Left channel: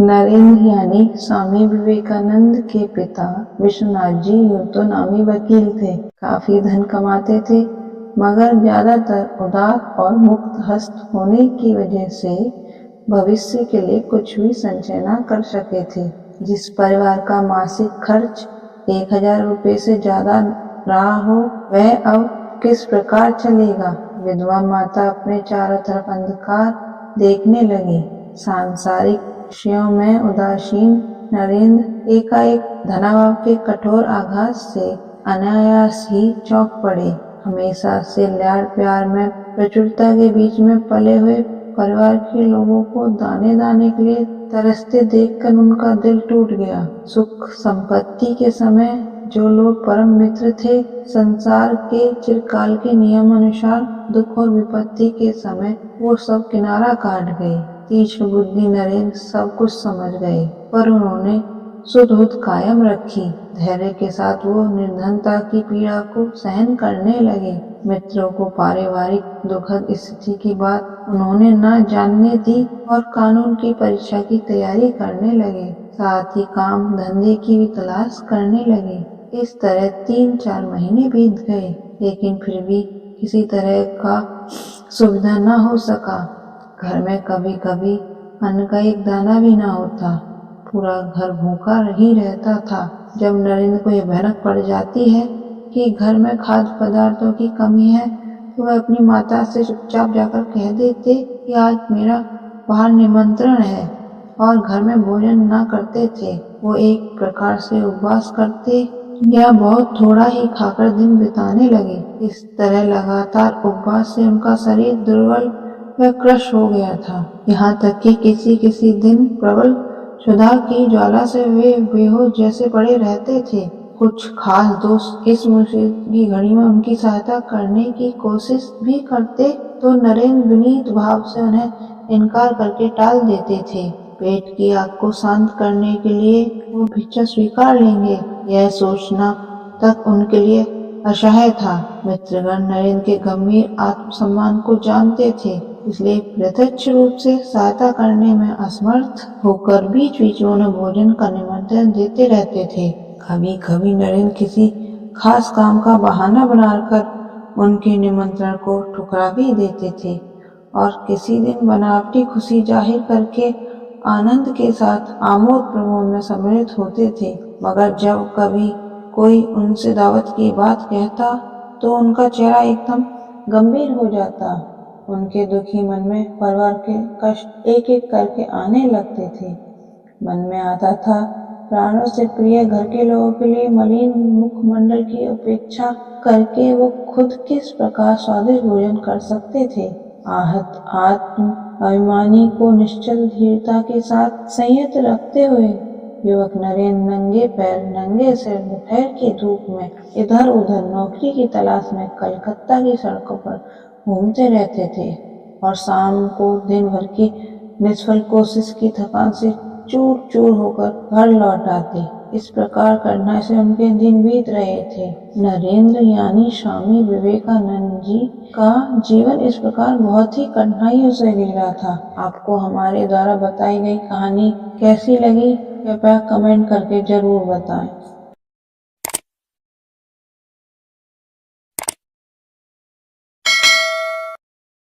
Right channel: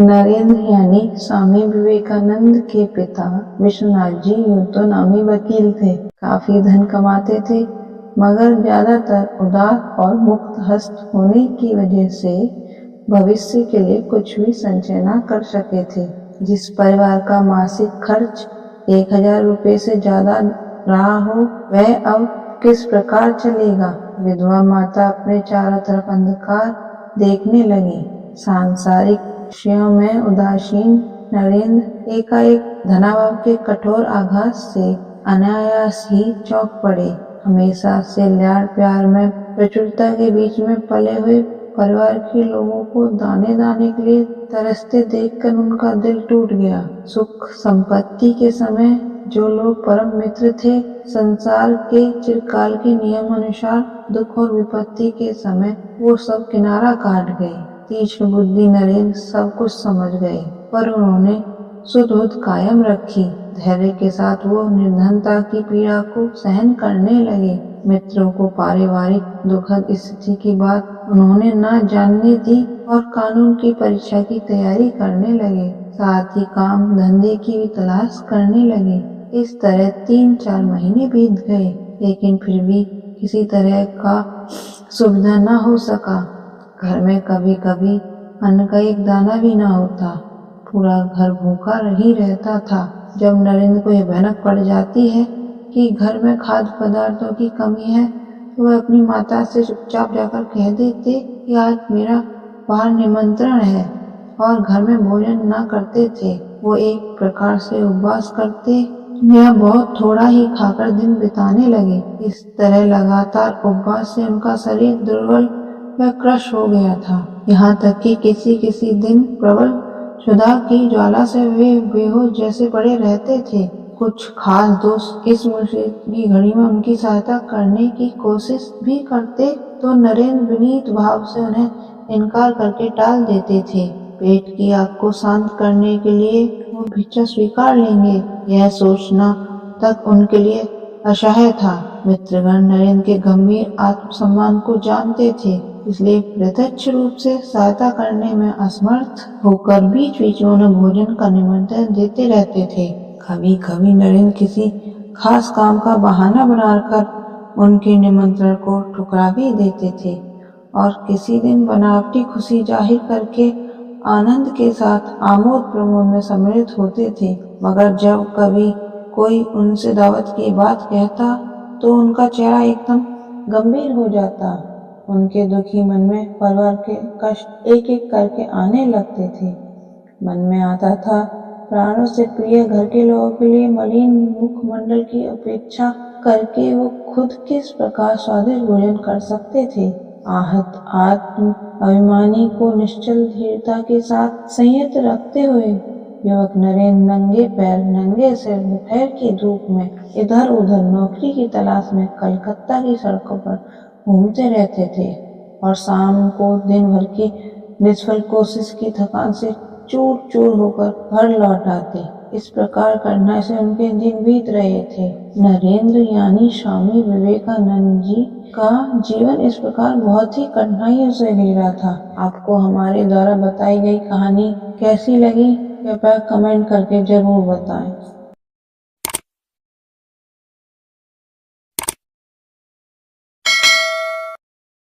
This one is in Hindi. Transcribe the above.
नरेंद्र यानी स्वामी विवेकानंद के पिता विश्वनाथ जी यूं तो नामी वकील थे, काफी धन कमाते थे, मगर ज्यादातर उदार और मुक्त हस्त होने की वजह से भविष्य के लिए कुछ भी संचय न कर सके थे। जिस परिवार का मासिक खर्च 1000 रुपये से ज्यादा रहा हो, वह अब किस प्रकार चलेगा। विधवा माता अपने चारों तरफ अंधकार देखने लगी। सांसारिक विषयों में उदासीन नरेंद्र एकाएक धनाभाव के कठोर आघात से अनायास ही चौंक पड़े। हमेशा से लाड़ प्यार में प्रचुरता के बीच में पले हुए परिवार के लोगों को दाने दाने के लिए तरसते देखकर उनका दिल टूट गया। सुख संपत्ति के समय जो लोग परम मित्र थे, संसार के चिरकाल के नियम अनुसार दुख और विपत्ति के समय वो सब किनारा काट गए। तीक्ष्ण बुद्धि नरेंद्र सब कुछ समझ गए, पर उन्होंने सुध कायम रखी। धैर्य के साथ वो निर्धनता की पीड़ा को सहन करने लगे। मित्रों को पारिवारिक दुखद स्थिति की बात उन्होंने न जानने दी और कानून की परीक्षा की तैयारी करने लगे। साथ ही काम धंधे की भी तलाश करने लगे। इस तरह 3-4 महीने बीत गए, लेकिन फिर भी किसी तरह का सुविधा न हो सका। घर में कभी कभी अन्न का एक दाना भी न होता। पूरा घर भूखा ही रहता था। जब नरेंद्र को यह भनक पड़ जाती है कि घर में खाद्य पदार्थों की कमी है, तो वह अपनी माता से चुपचाप जाकर कह देते कि आज मेरा बाहर निमंत्रण है, और घर में भोजन न करते थे। वो एक प्रकार से उपवास करते या बहुत थोड़ा ही खाकर दिन बिताने लगे। इस तरह लगातार उपवास से उनका शरीर दुर्बल व क्रश हो गया था। यहाँ तक कि किसी दिन प्रबल क्षुधा की ज्वाला से वे बेहोश जैसे पड़े रहते थे। कुछ खास दोस्त इस मुसीबत की घड़ी में उनकी सहायता करने की कोशिश भी करते, तो नरेंद्र विनीत भाव से उन्हें इनकार करके टाल देते थे। पेट की आग को शांत करने के लिए वो भिक्षा स्वीकार लेंगे, यह सोचना तक उनके लिए असह्य था। मित्रगण नरेंद्र के गंभीर आत्मसम्मान को जानते थे, इसलिए प्रत्यक्ष रूप से सहायता करने में असमर्थ होकर बीच बीच में उन्हें भोजन का निमंत्रण देते रहते थे। कभी कभी नरेंद्र किसी खास काम का बहाना बनाकर उनके निमंत्रण को ठुकरा भी देते थे, और किसी दिन बनावटी खुशी जाहिर करके आनंद के साथ आमोद प्रमोद में सम्मिलित होते थे। मगर जब कभी कोई उनसे दावत की बात कहता, तो उनका चेहरा एकदम गंभीर हो जाता। उनके दुखी मन में परिवार के कष्ट एक एक करके आने लगते थे। मन में आता था, प्राणों से प्रिय घर के लोगों के लिए मलिन मुखमंडल की उपेक्षा करके वो खुद किस प्रकार स्वादिष्ट भोजन कर सकते थे। आहत आत्म अभिमानी को निश्चल धीरता के साथ संयत रखते हुए युवक नरेंद्र नंगे पैर नंगे सिर दोपहर की धूप में इधर उधर नौकरी की तलाश में कलकत्ता की सड़कों पर घूमते रहते थे, और शाम को दिन भर की निष्फल कोशिश की थकान से चूर चूर होकर घर लौट आते। इस प्रकार कठिनाई से उनके दिन बीत रहे थे। नरेंद्र यानी स्वामी विवेकानंद जी का जीवन इस प्रकार बहुत ही कठिनाइयों से गुजरा था। आपको हमारे द्वारा बताई गई कहानी कैसी लगी, कृपया कमेंट करके जरूर बताएं।